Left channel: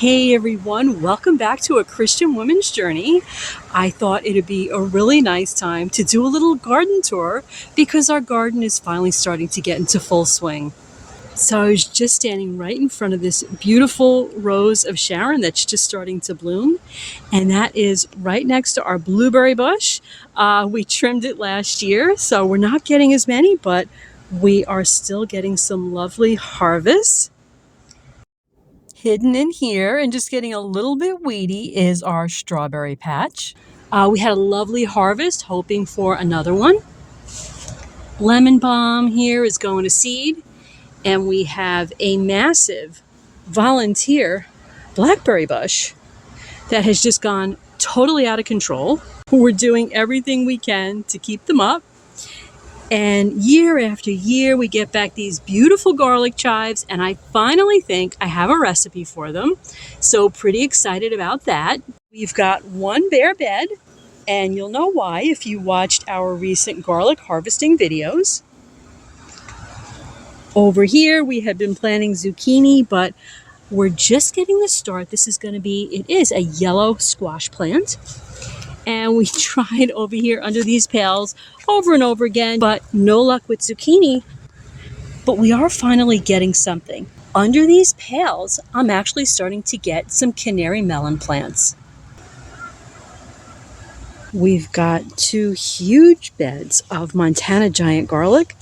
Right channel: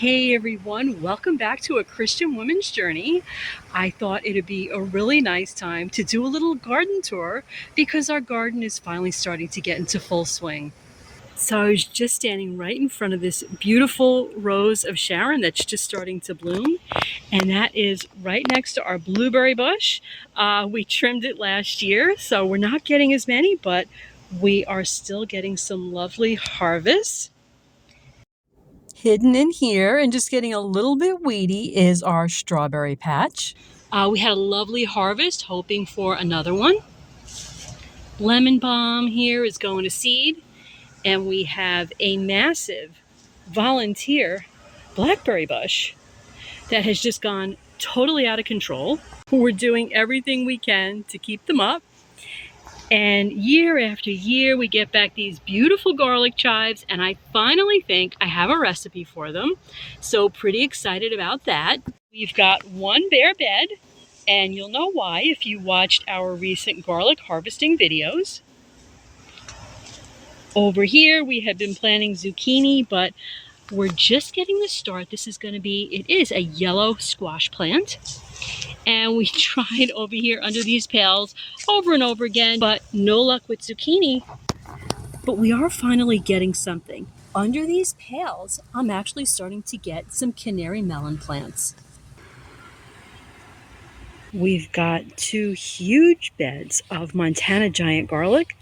Hey everyone, welcome back to A Christian Woman's Journey. I thought it'd be a really nice time to do a little garden tour because our garden is finally starting to get into full swing. So I was just standing right in front of this beautiful rose of Sharon that's just starting to bloom, and that is right next to our blueberry bush. We trimmed it last year, so we're not getting as many, but we are still getting some lovely harvests. Hidden in here and just getting a little bit weedy is our strawberry patch. We had a lovely harvest, hoping for another one. Lemon balm here is going to seed, and we have a massive volunteer blackberry bush that has just gone totally out of control. We're doing everything we can to keep them up. And year after year, we get back these beautiful garlic chives, and I finally think I have a recipe for them. So pretty excited about that. We've got one bare bed, and you'll know why if you watched our recent garlic harvesting videos. Over here, we had been planting zucchini, but we're just getting the start. This is going to be, it is a yellow squash plant. And we tried over here under these pails over and over again, but no luck with zucchini. But we are finally getting something. Under these pails, I'm actually starting to get some canary melon plants. We've got two huge beds of Montana giant garlic.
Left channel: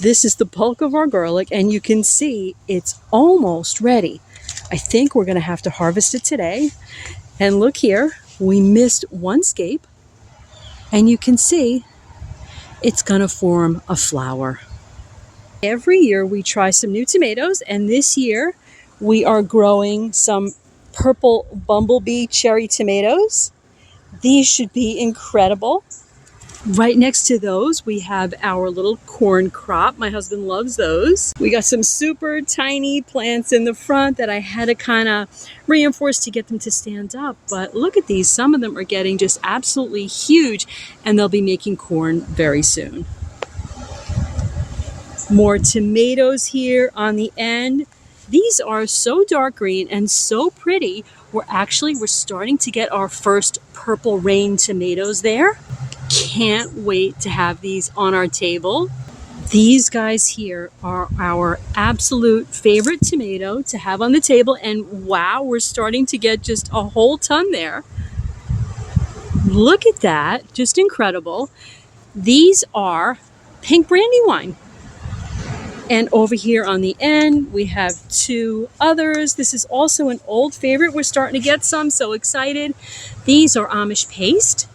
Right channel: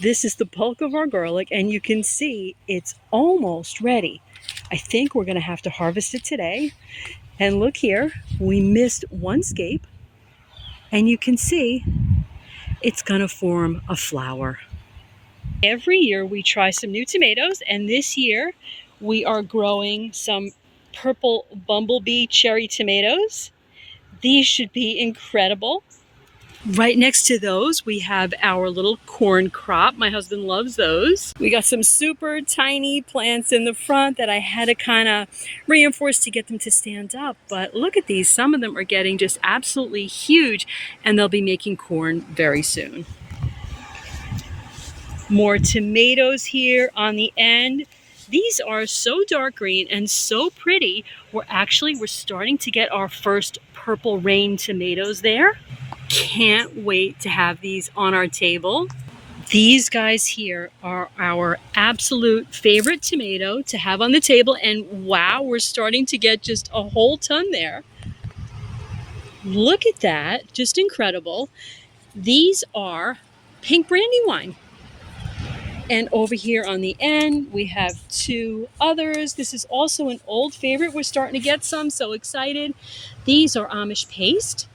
This is the bulk of our garlic, and you can see it's almost ready. I think we're going to have to harvest it today. And look here, we missed one scape, and you can see it's gonna form a flower. Every year we try some new tomatoes, and this year we are growing some purple bumblebee cherry tomatoes. These should be incredible. Right next to those, we have our little corn crop. My husband loves those. We got some super tiny plants in the front that I had to kind of reinforce to get them to stand up. But look at these. Some of them are getting just absolutely huge, and they'll be making corn very soon. More tomatoes here on the end. These are so dark green and so pretty. We're starting to get our first purple rain tomatoes there. Can't wait to have these on our table. These guys here are our absolute favorite tomato to have on the table, and wow, we're starting to get just a whole ton there. Look at that, just incredible. These are pink brandywine. And over here on the end, we have two others. This is also an old favorite. We're starting to get some, so excited. These are Amish paste.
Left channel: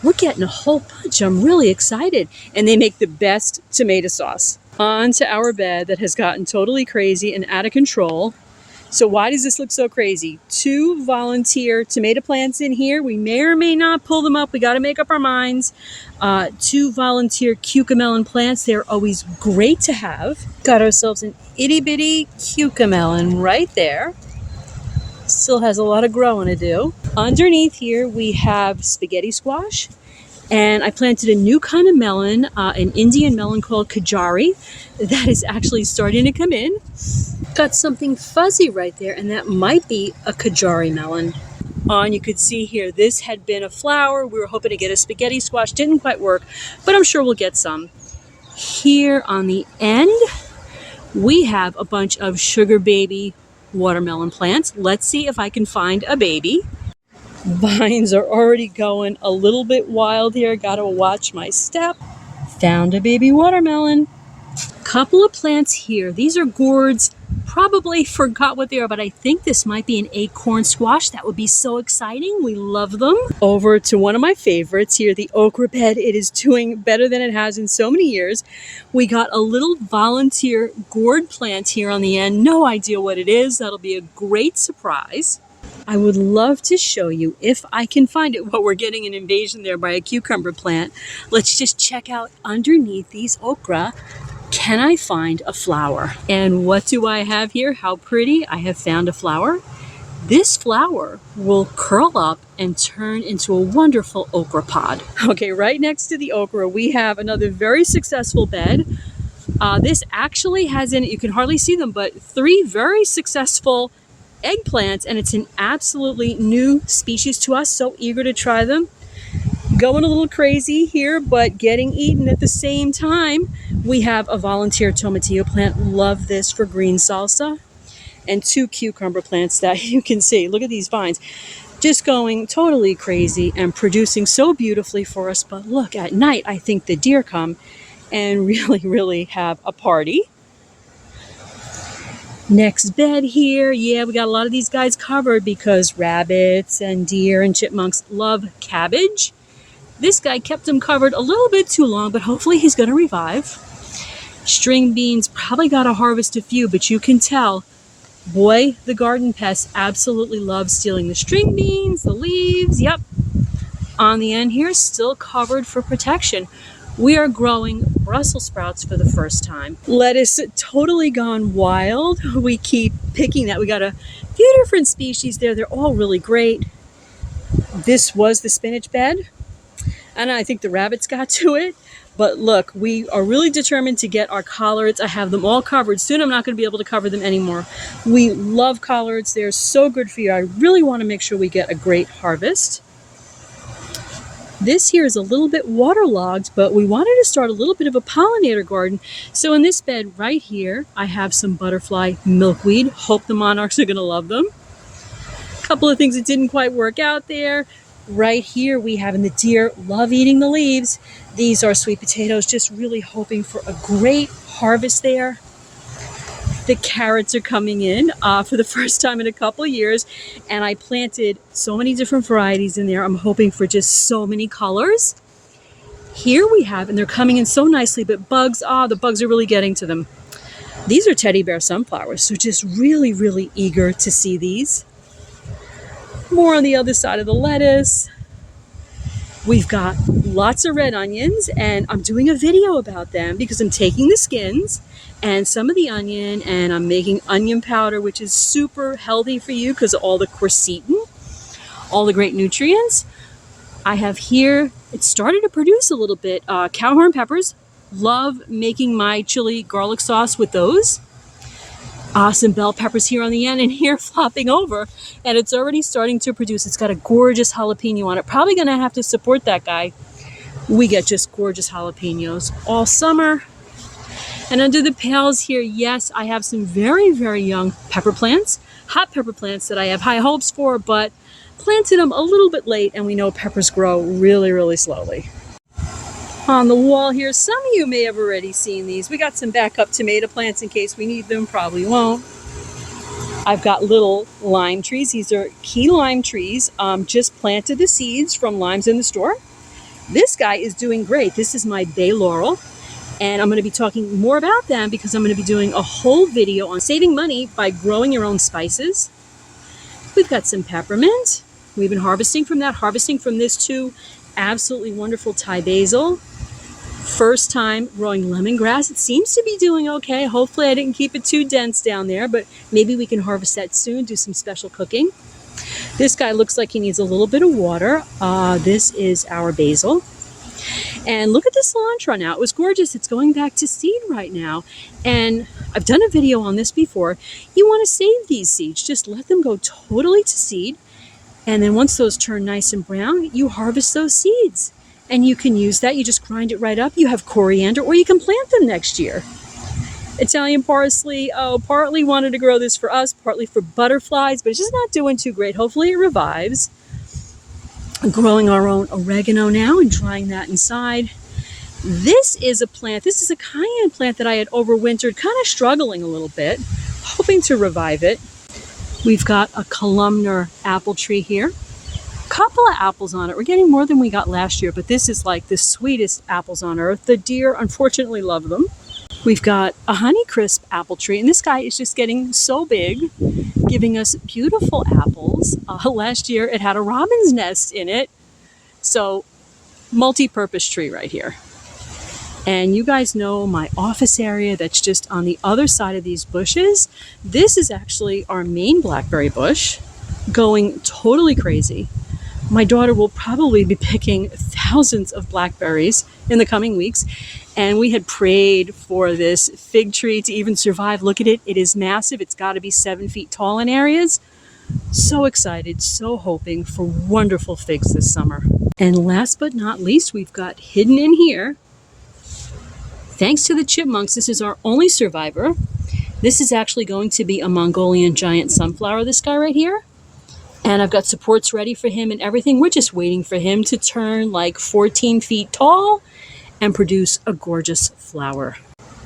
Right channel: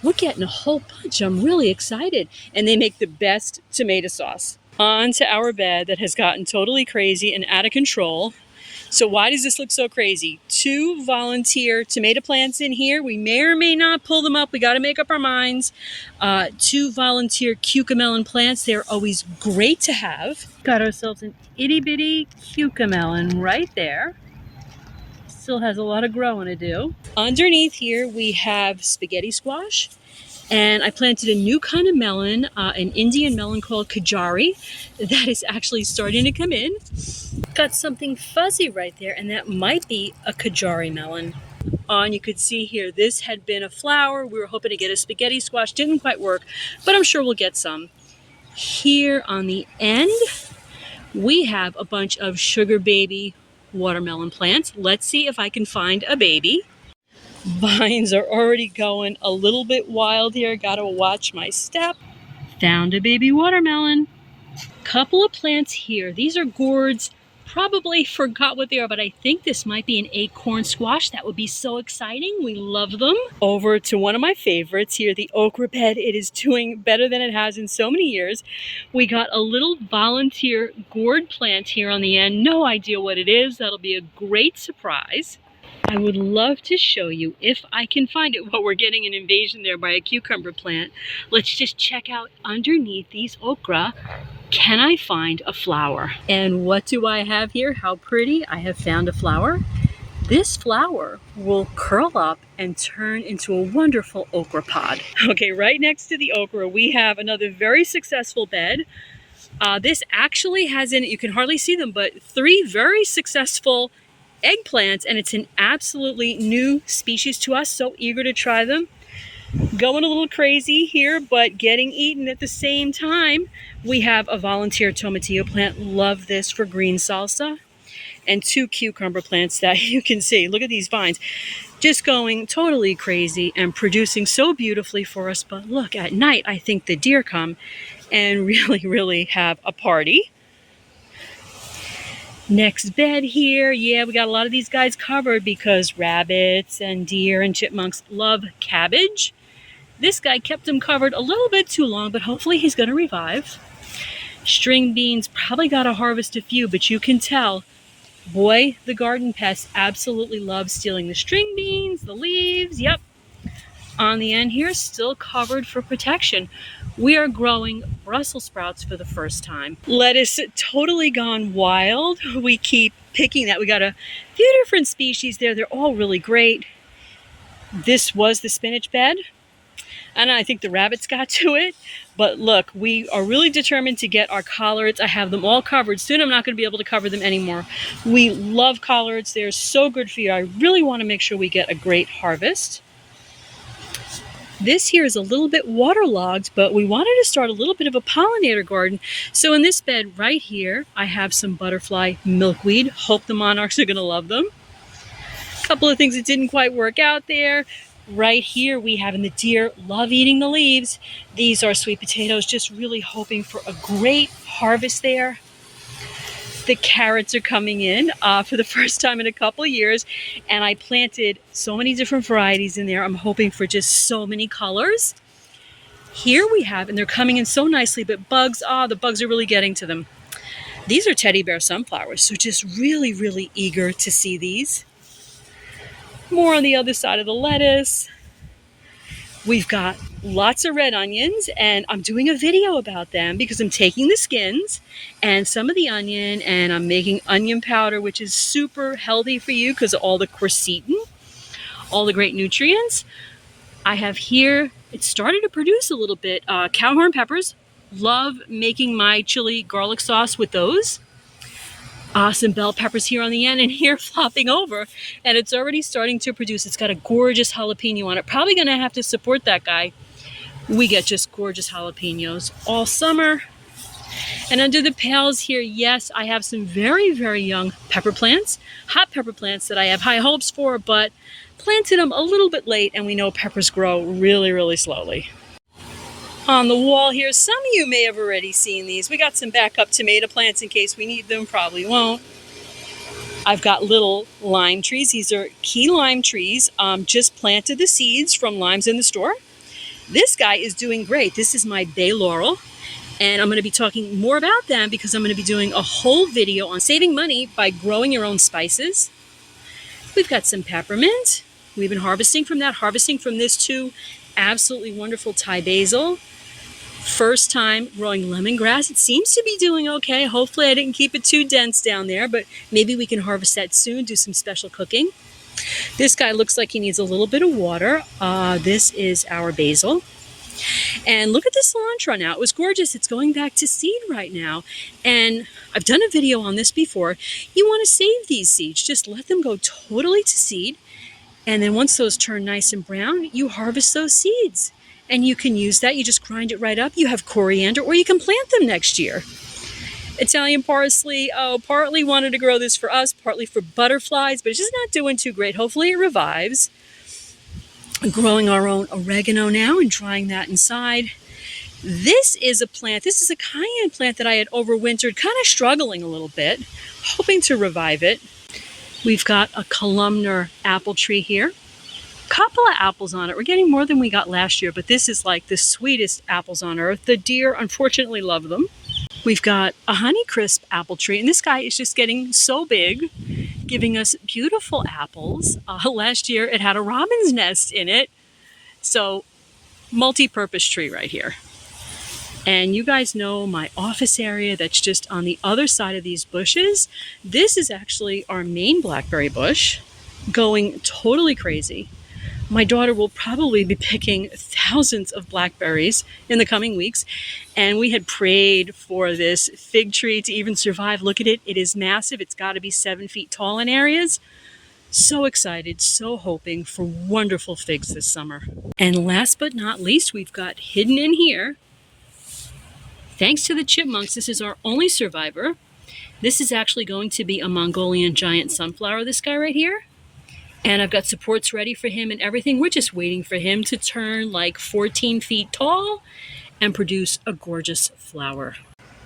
We're getting a whole bunch. I'm really excited. And they make the best tomato sauce. On to our bed that has gotten totally crazy and out of control. So why does this look so crazy? Two volunteer tomato plants in here. We may or may not pull them up. We got to make up our minds. Two volunteer cucamelon plants. They're always great to have. Got ourselves an itty bitty cucamelon right there. Still has a lot of growing to do. Underneath here we have spaghetti squash, and I planted a new kind of melon, an Indian melon called Kajari, that is actually starting to come in. Got something fuzzy right there, and that might be a Kajari melon. And you could see here, this had been a flower. We were hoping to get a spaghetti squash, didn't quite work, but I'm sure we'll get some. Here on the end, we have a bunch of sugar baby watermelon plants. Let's see if I can find a baby. Vines are already going a little bit wild here. Gotta watch my step. Found a baby watermelon. Couple of plants here. These are gourds. Probably forgot what they are, but I think this might be an acorn squash. That would be so exciting. We love them. Over to one of my favorites here, the okra bed. It is doing better than it has in so many years. We got a little volunteer gourd plant here on the end. No idea what it is. That'll be a great surprise. I would love to show you if I can find it. Well, we're getting an invasion there by a cucumber plant. Let's just check out underneath these okra. Can I find a flower? And what do I have here? How pretty. I have found a flower. This flower will curl up and turn into a wonderful okra pod. Okay, right next to the okra, we have another very successful bed. This actually has in it, you can hardly see them, but three very successful eggplants, and it's an absolutely new species to us. So eager to try them. Going a little crazy here, but getting eaten at the same time. We have a volunteer tomatillo plant. Love this for green salsa. And 2 cucumber plants that you can see. Look at these vines. Just going totally crazy and producing so beautifully for us. But look, at night, I think the deer come and really have a party. Next bed here. Yeah, we got a lot of these guys covered because rabbits and deer and chipmunks love cabbage. This guy kept them covered a little bit too long, but hopefully he's going to revive. String beans, probably got to harvest a few, but you can tell, boy, the garden pests absolutely love stealing the string beans, the leaves. Yep. On the end here, still covered for protection. We are growing Brussels sprouts for the first time. Lettuce totally gone wild. We keep picking that. We got a few different species there. They're all really great. This was the spinach bed. And I think the rabbits got to it. But look, we are really determined to get our collards. I have them all covered. Soon I'm not going to be able to cover them anymore. We love collards. They're so good for you. I really want to make sure we get a great harvest. This here is a little bit waterlogged, but we wanted to start a little bit of a pollinator garden. So in this bed right here, I have some butterfly milkweed. Hope the monarchs are going to love them. A couple of things that didn't quite work out there. Right here we have, and the deer love eating the leaves. These are sweet potatoes, just really hoping for a great harvest there. The carrots are coming in for the first time in a couple of years, and I planted so many different varieties in there. I'm hoping for just so many colors. Here we have, and they're coming in so nicely, but bugs, the bugs are really getting to them. These are teddy bear sunflowers, so just really eager to see these. More on the other side of the lettuce. We've got lots of red onions, and I'm doing a video about them because I'm taking the skins and some of the onion, and I'm making onion powder, which is super healthy for you because of all the quercetin, all the great nutrients. I have here, it started to produce a little bit, cowhorn peppers. Love making my chili garlic sauce with those. Some bell peppers here on the end, and here flopping over, and it's already starting to produce. It's got a gorgeous jalapeno on it. Probably going to have to support that guy. We get just gorgeous jalapenos all summer. And under the pails here, yes, I have some very young pepper plants, hot pepper plants that I have high hopes for, but planted them a little bit late, and we know peppers grow really slowly. On the wall here, some of you may have already seen these. We got some backup tomato plants in case we need them, probably won't. I've got little lime trees. These are key lime trees. Just planted the seeds from limes in the store. This guy is doing great. This is my bay laurel, and I'm going to be talking more about them because I'm going to be doing a whole video on saving money by growing your own spices. We've got some peppermint. We've been harvesting from this too. Absolutely wonderful Thai basil. First time growing lemongrass. It seems to be doing okay. Hopefully I didn't keep it too dense down there, but maybe we can harvest that soon, do some special cooking. This guy looks like he needs a little bit of water. This is our basil. And look at this cilantro now. It was gorgeous. It's going back to seed right now. And I've done a video on this before. You want to save these seeds. Just let them go totally to seed. And then once those turn nice and brown, you harvest those seeds. And you can use that. You just grind it right up. You have coriander, or you can plant them next year. Italian parsley. Partly wanted to grow this for us, partly for butterflies, but it's just not doing too great. Hopefully it revives. I'm growing our own oregano now and drying that inside. This is a plant. This is a cayenne plant that I had overwintered, kind of struggling a little bit, hoping to revive it. We've got a columnar apple tree here. Couple of apples on it. We're getting more than we got last year, but this is like the sweetest apples on earth. The deer unfortunately love them. We've got a Honeycrisp apple tree, and this guy is just getting so big, giving us beautiful apples. Last year it had a robin's nest in it, so multi-purpose tree right here. And you guys know my office area that's just on the other side of these bushes. This is actually our main blackberry bush, going totally crazy. My daughter will probably be picking thousands of blackberries in the coming weeks. And we had prayed for this fig tree to even survive. Look at it. It is massive. It's got to be 7 feet tall in areas. So excited, so hoping for wonderful figs this summer. And last but not least, we've got hidden in here, thanks to the chipmunks, this is our only survivor. This is actually going to be a Mongolian giant sunflower, this guy right here. And I've got supports ready for him and everything. We're just waiting for him to turn like 14 feet tall and produce a gorgeous flower.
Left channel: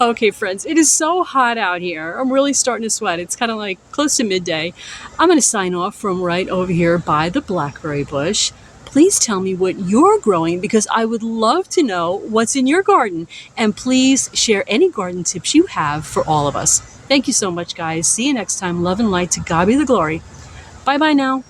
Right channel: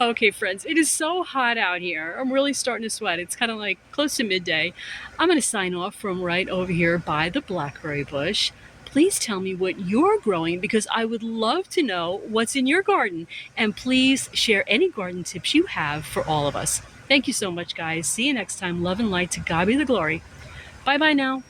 Okay, friends, it is so hot out here. I'm really starting to sweat. It's kind of like close to midday. I'm going to sign off from right over here by the blackberry bush. Please tell me what you're growing because I would love to know what's in your garden. And please share any garden tips you have for all of us. Thank you so much, guys. See you next time. Love and light. To God be the glory. Bye-bye now.